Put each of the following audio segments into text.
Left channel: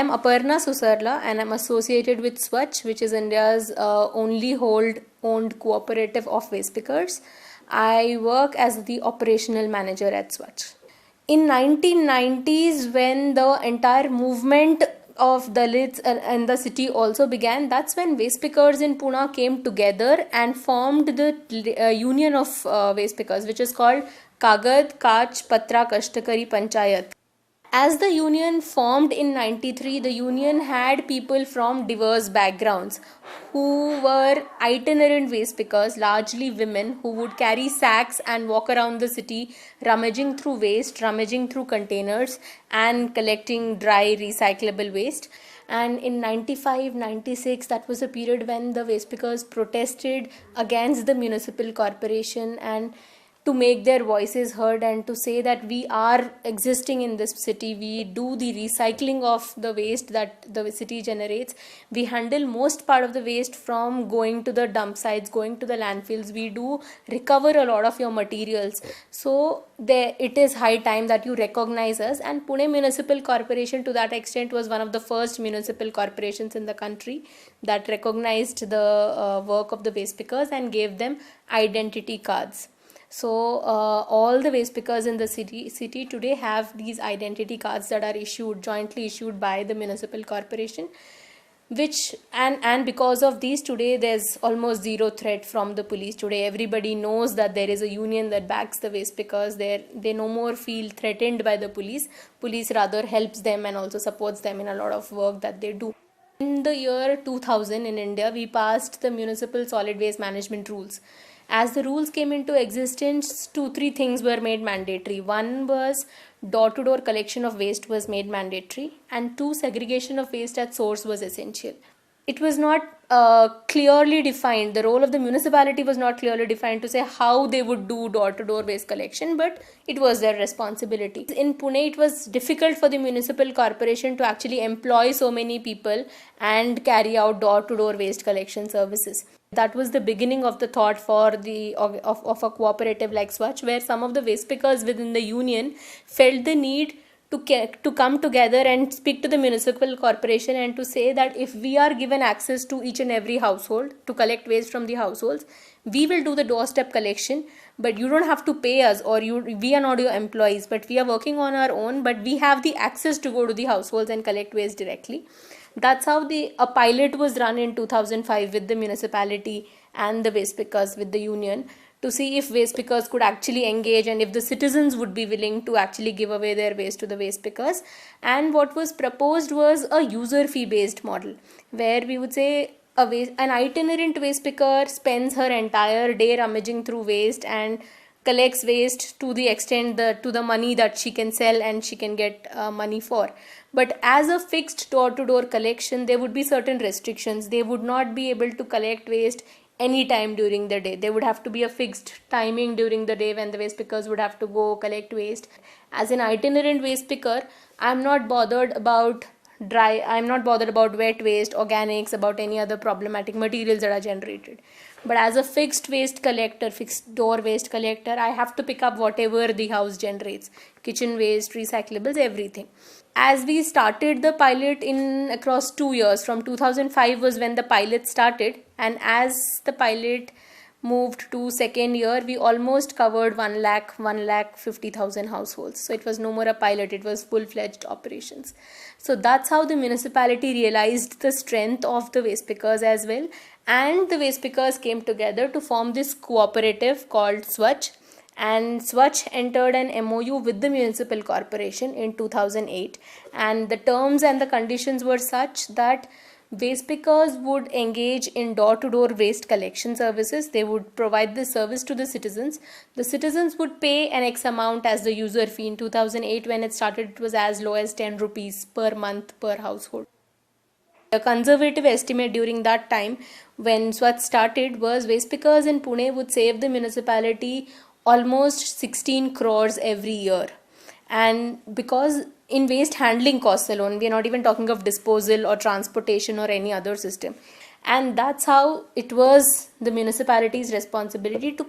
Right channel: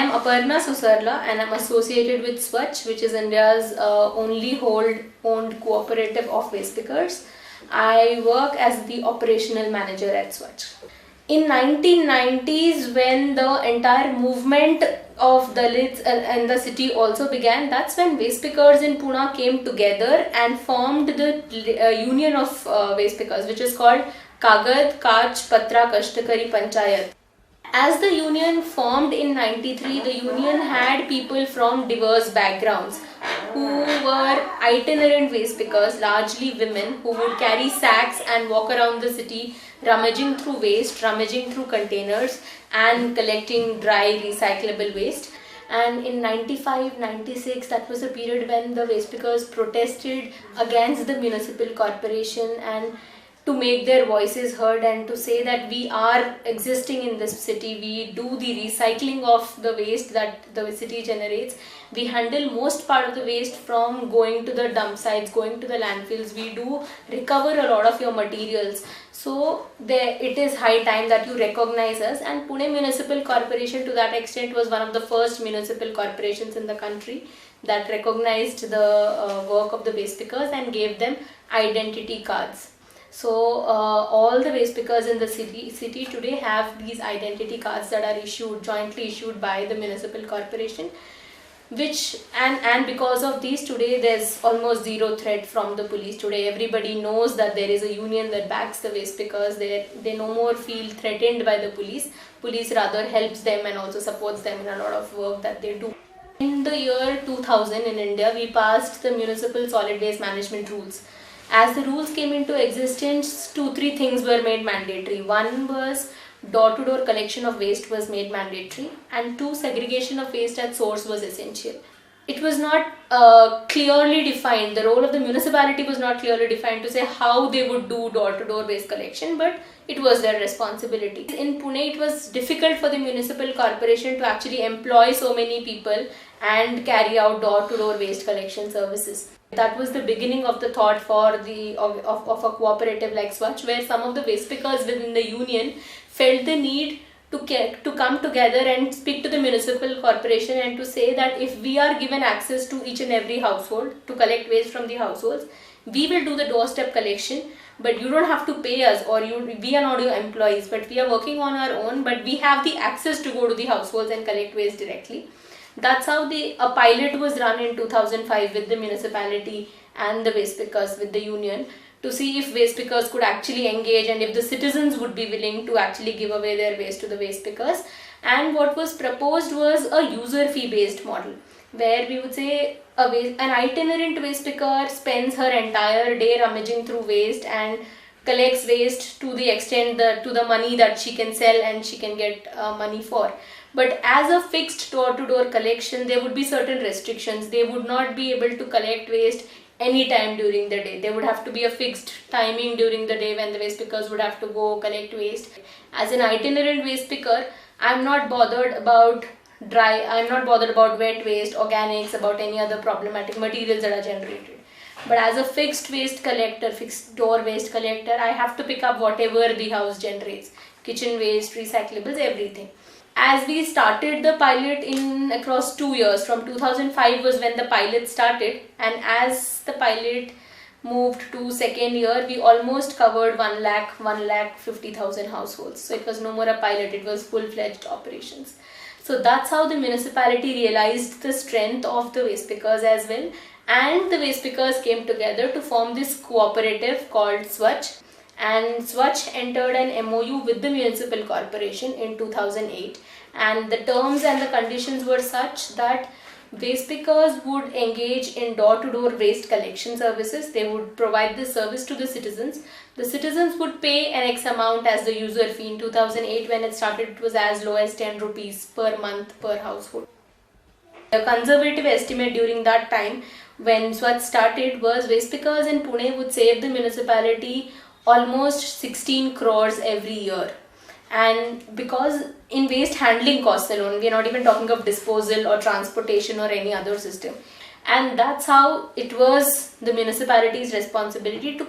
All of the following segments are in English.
am Aparna Susarla and I'm associated with Swachh, which is India's only owned cooperative of waste pickers. I work as the operational manager at Swachh. In 1990s, when the entire movement of Dalits and the city also began, that's when waste pickers in Pune came together and formed the union of waste pickers, which is called Kagad Kach Patra Kashtakari Panchayat. As the union formed in 93, the union had people from diverse backgrounds who were itinerant waste pickers, largely women, who would carry sacks and walk around the city rummaging through waste, rummaging through containers and collecting dry recyclable waste. And in 95, 96, that was a period when the waste pickers protested against the municipal corporation and to make their voices heard and to say that we are existing in this city, we do the recycling of the waste that the city generates, we handle most part of the waste from going to the dump sites, going to the landfills, we do recover a lot of your materials. So it is high time that you recognize us, and Pune Municipal Corporation to that extent was one of the first municipal corporations in the country that recognized the work of the waste pickers and gave them identity cards. So all the waste pickers in the city today have these identity cards that are jointly issued by the municipal corporation, which and because of these today there's almost zero threat from the police. Today everybody knows that there is a union that backs the waste pickers. They no more feel threatened by the police rather helps them and also supports them in a lot of work that they do. In the year 2000 in India, we passed the municipal solid waste management rules. As the rules came into existence, 2-3 things were made mandatory. One was door-to-door collection of waste was made mandatory, and 2, segregation of waste at source was essential. It was not clearly defined. The role of the municipality was not clearly defined to say how they would do door-to-door waste collection, but it was their responsibility. In Pune, it was difficult for the municipal corporation to actually employ so many people and carry out door-to-door waste collection services. That was the beginning of the thought for of a cooperative like Swachh, where some of the waste pickers within the union felt the need to come together and speak to the municipal corporation and to say that if we are given access to each and every household to collect waste from the households, we will do the doorstep collection, but you don't have to pay us, or we are not your employees, but we are working on our own, but we have the access to go to the households and collect waste directly. That's how a pilot was run in 2005 with the municipality and the waste pickers with the union to see if waste pickers could actually engage and if the citizens would be willing to actually give away their waste to the waste pickers. And what was proposed was a user fee based model, where we would say an itinerant waste picker spends her entire day rummaging through waste and collects waste to the extent to the money that she can sell and she can get money for. But as a fixed door-to-door collection, there would be certain restrictions. They would not be able to collect waste any time during the day. There would have to be a fixed timing during the day when the waste pickers would have to go collect waste. As an itinerant waste picker, I'm not bothered about wet waste, organics, about any other problematic materials that are generated. But as a fixed door waste collector, I have to pick up whatever the house generates. Kitchen waste, recyclables, everything. As we started the pilot in across 2 years, from 2005 was when the pilot started, and as the pilot moved to second year, we almost covered 1,50,000 households. So it was no more a pilot, it was full-fledged operations. So that's how the municipality realized the strength of the waste pickers as well, and the waste pickers came together to form this cooperative called Swachh. And Swachh entered an MOU with the municipal corporation in 2008, and the terms and the conditions were such that waste pickers would engage in door-to-door waste collection services. They would provide this service to the citizens. The citizens would pay an X amount as the user fee. In 2008 when it started, it was as low as 10 rupees per month per household. A conservative estimate during that time when Swachh started was waste pickers in Pune would save the municipality almost 16 crores every year. And because in waste handling costs alone, we are not even talking of disposal or transportation or any other system. And that's how it was the municipality's responsibility to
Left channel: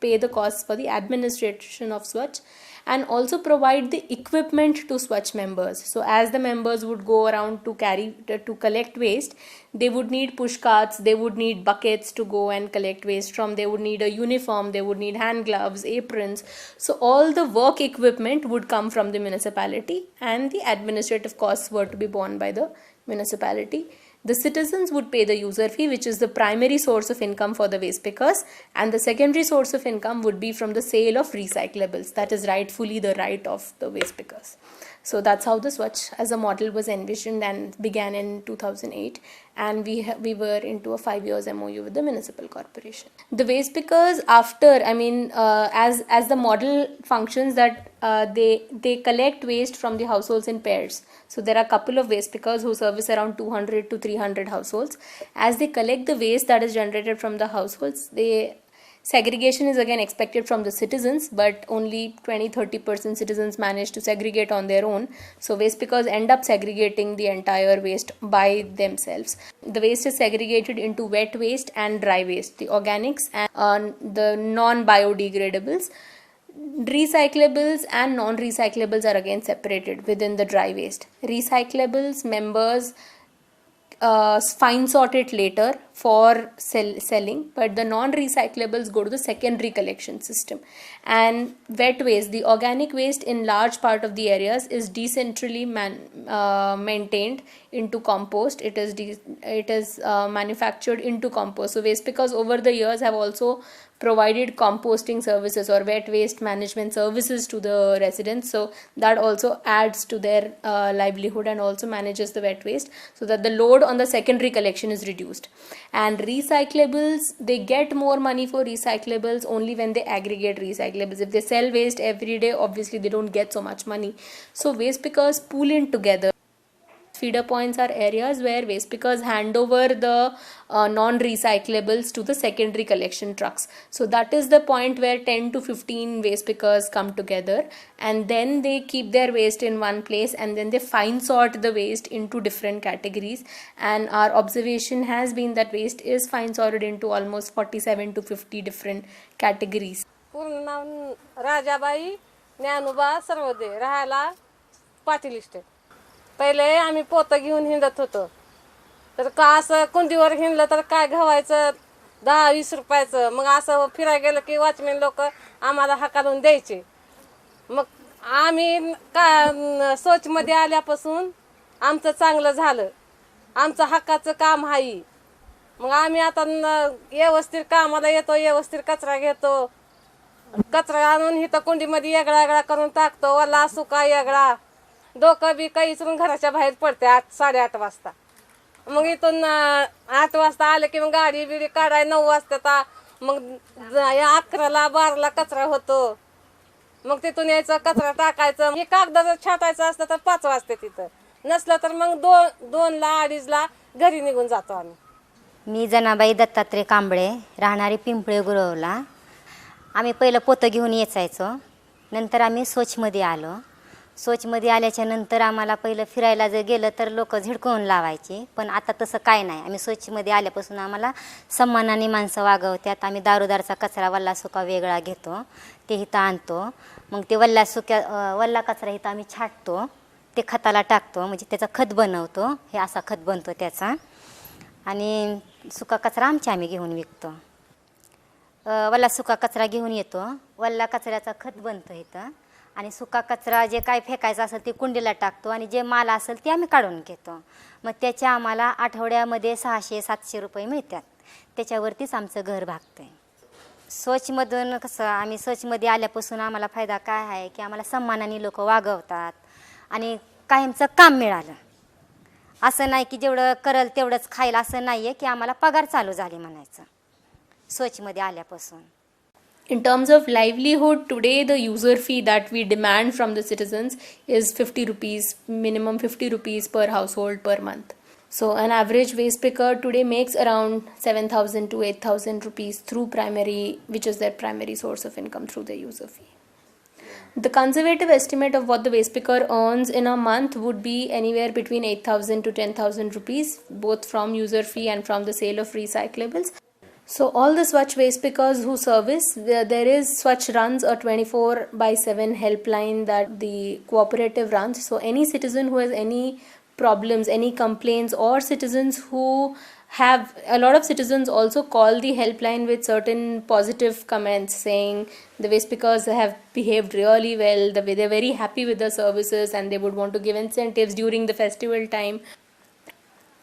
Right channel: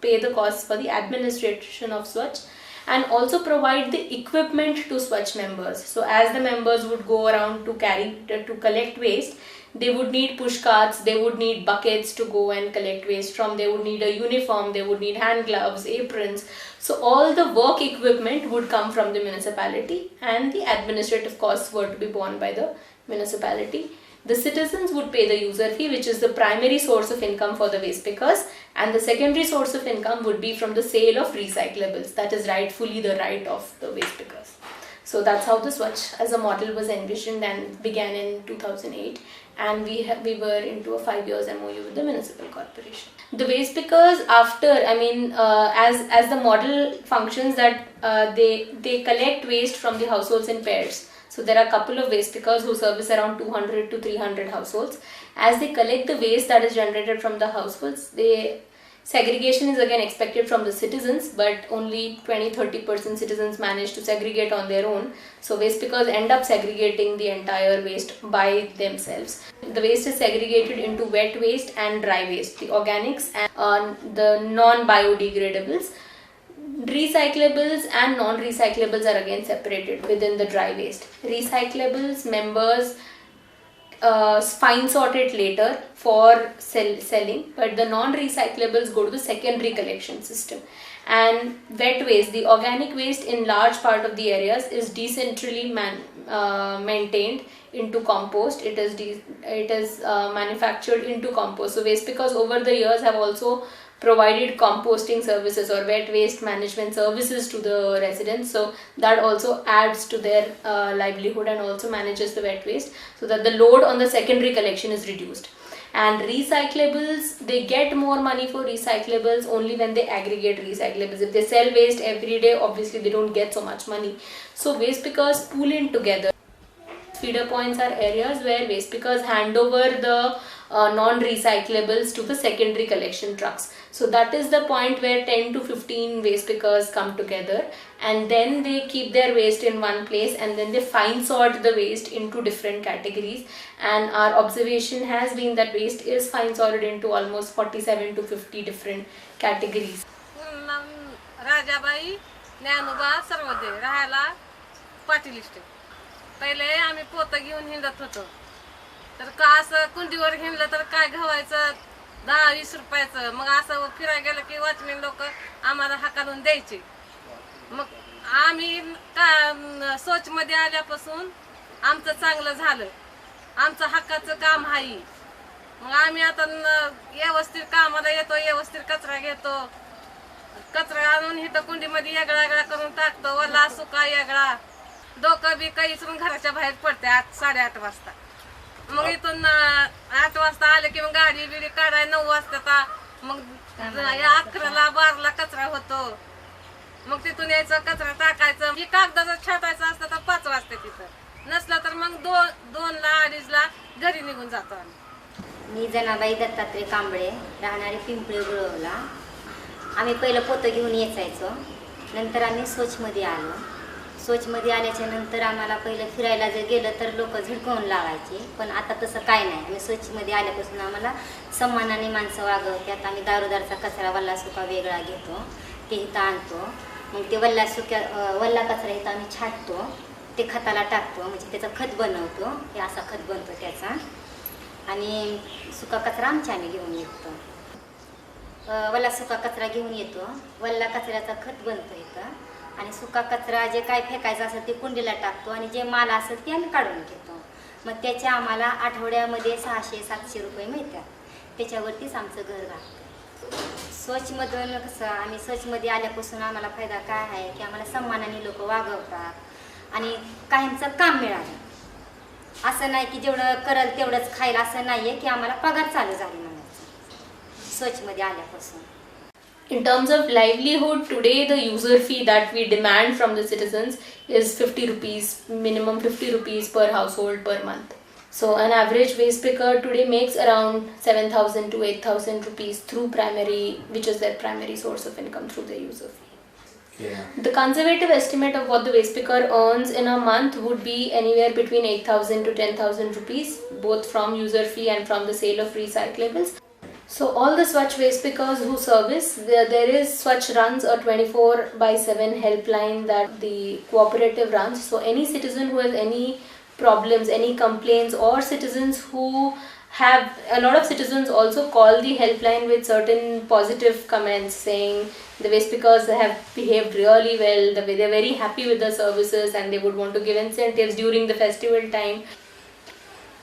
pay the costs for the administration of Swachh. and also provide the equipment to Swachh members. So as the members would go around to collect waste, they would need push carts, they would need buckets to go and collect waste from, they would need a uniform, they would need hand gloves, aprons. So all the work equipment would come from the municipality, and the administrative costs were to be borne by the municipality. The citizens would pay the user fee, which is the primary source of income for the waste pickers, and the secondary source of income would be from the sale of recyclables. That is rightfully the right of the waste pickers. So that's how the Swachh as a model was envisioned and began in 2008, and we were into a 5 years MOU with the municipal corporation. The waste pickers, after, as the model functions, that they collect waste from the households in pairs. So there are a couple of waste pickers who service around 200 to 300 households. As they collect the waste that is generated from the households, segregation is again expected from the citizens, but only 20-30% citizens manage to segregate on their own. So waste pickers end up segregating the entire waste by themselves. The waste is segregated into wet waste and dry waste, the organics and the non-biodegradables. Recyclables and non-recyclables are again separated within the dry waste. Recyclables members fine sort it later for selling, but the non-recyclables go to the secondary collection system. And wet waste, the organic waste in large part of the areas, is decentrally maintained into compost. It is manufactured into compost. So waste pickers over the years have also provided composting services or wet waste management services to the residents, so that also adds to their livelihood and also manages the wet waste, so that the load on the secondary collection is reduced. And recyclables, they get more money for recyclables only when they aggregate recyclables. If they sell waste every day, obviously they don't get so much money. So waste pickers pool in together. Feeder points are areas where waste pickers hand over the non-recyclables to the secondary collection trucks. So that is the point where 10 to 15 waste pickers come together, and then they keep their waste in one place, and then they fine sort the waste into different categories. And our observation has been that waste is fine sorted into almost 47 to 50 different categories. Rajabai Dnyanoba Sarvodaya राहायला पाटीलिस्ट. पहिले आम्ही पोतं घेऊन हिंडत होतो, तर का असं कुंडीवर हिंडलं तर काय घावायचं 10-20 रुपयाचं. मग असं फिरायला गेलं की वॉचमॅन लोक आम्हाला हाकालून द्यायचे. मग आम्ही सोचमध्ये आल्यापासून आमचं चांगलं झालं, आमचं हक्काचं काम आहे. मग आम्ही आता व्यवस्थित कामाला येतो, व्यवस्थित कचरा घेतो. कचरा आणून इथं कुंडीमध्ये वेगळा वेगळा करून टाकतो, वल्ला सुका वेगळा. डोकं बी काही इचरून घराच्या बाहेर पडते 8-8:30 वाजता. मग इथून 8 वाजता आले की मग गाडी बिडी काढाय 9 वाजता. मग 11ला 12ला कचरा होतो. मग तिथून यायचं, कचरा टाकायचं. हे कागदाचं छाटायचं असतं तर 5 वाजता तिथं, नसलं तर मग 2ला 2:30ला घरी निघून जातो आम्ही. मी जनाबाई दत्तात्रय कांबळे, राहणारी पिंपळे गुरवला. आम्ही पहिलं पोतं घेऊन यायचो, नंतर आम्ही स्वच्छमध्ये आलो. स्वच्छमध्ये आल्याच्या नंतर आम्हाला पहिलं फिरायला जर गेलं तर लोक झिडकवून लावायचे, पण आता तसं काय नाही. आम्ही स्वच्छमध्ये आल्यापासून आम्हाला सन्मानाने माणसं वागवतात. आम्ही दारोदारचा कचरा वल्ला सुका वेगळा घेतो, ते इथं आणतो. मग ते वल्ला कचरा इथं आम्ही छाटतो, ते खताला टाकतो, म्हणजे त्याचं खत बनवतो. हे असा खत बनतो त्याचा. आणि सुका कचरा आम्ही घेऊन विकतो. वल्ला सुका कचरा घेऊन येतो, वल्ला कचऱ्याचा खत बनतो इथं. आणि सुका कचरा जे काय फेकायचा असेल ते कुंडीला टाकतो, आणि जे माल असेल ते आम्ही काढून घेतो. मग त्याच्या आम्हाला आठवड्यामध्ये 600-700 रुपये मिळतात. त्याच्यावरतीच आमचं घर भागतं. स्वच्छमधून कसं, आम्ही स्वच्छमध्ये आल्यापासून आम्हाला फायदा काय आहे की आम्हाला सन्मानाने लोक वागवतात आणि कायमचं काम मिळालं. असं नाही की जेवढं करल तेवढंच खाईल, असं नाही आहे की आम्हाला पगार चालू झाली म्हणायचं स्वच्छमध्ये आल्यापासून. In terms of livelihood, today the user fee that we demand from the citizens is 50 rupees, minimum 50 rupees per household per month. So an average waste picker today makes around 7,000 to 8,000 rupees through primary, which is their primary source of income through the user fee. Yeah. The conservative estimate of what the waste picker earns in a month would be anywhere between 8,000 to 10,000 rupees, both from user fee and from the sale of recyclables. So all the Swachh waste pickers who service, there is Swachh runs a 24/7 helpline that the cooperative runs. So any citizen who has any problems, any complaints, or citizens who have, a lot of citizens also call the helpline with certain positive comments saying the waste pickers have behaved really well, they're very happy with the services and they would want to give incentives during the festival time.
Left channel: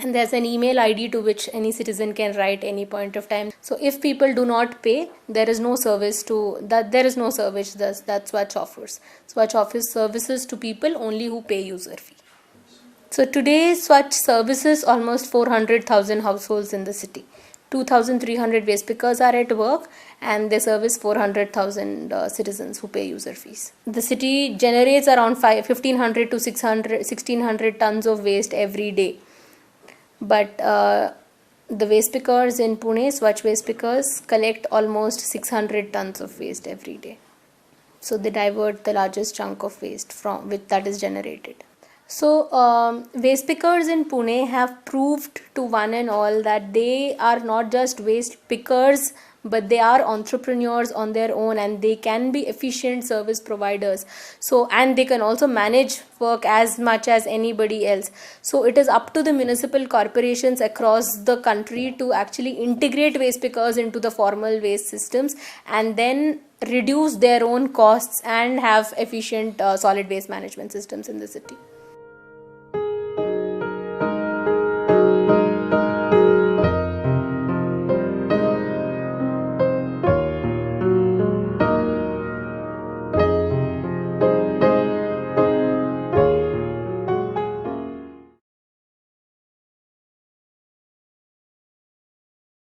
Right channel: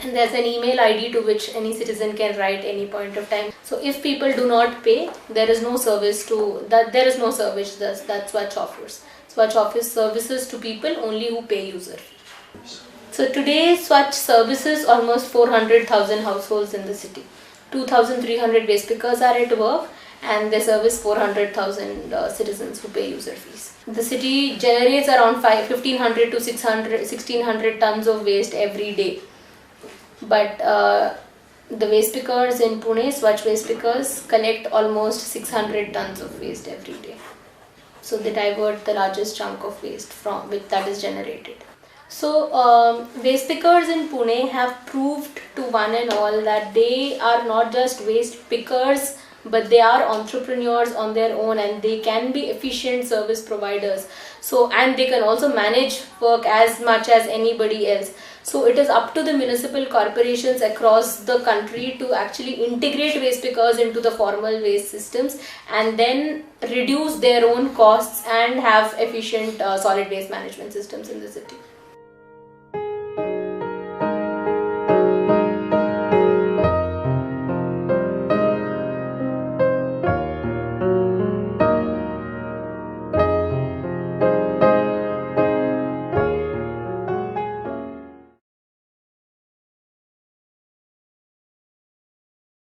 And there's an email ID to which any citizen can write any point of time. So if people do not pay, there is no service that Swachh offers. Swachh offers services to people only who pay user fee. So today Swachh services almost 400,000 households in the city. 2,300 waste pickers are at work and they service 400,000 citizens who pay user fees. The city generates around 1,500 to 1,600 tons of waste every day. But the waste pickers in Pune, Swachh waste pickers, collect almost 600 tons of waste every day. So they divert the largest chunk of waste from which that is generated. So waste pickers in Pune have proved to one and all that they are not just waste pickers, but they are entrepreneurs on their own and they can be efficient service providers. So, and they can also manage work as much as anybody else. So it is up to the municipal corporations across the country to actually integrate waste pickers into the formal waste systems and then reduce their own costs and have efficient solid waste management systems in the city.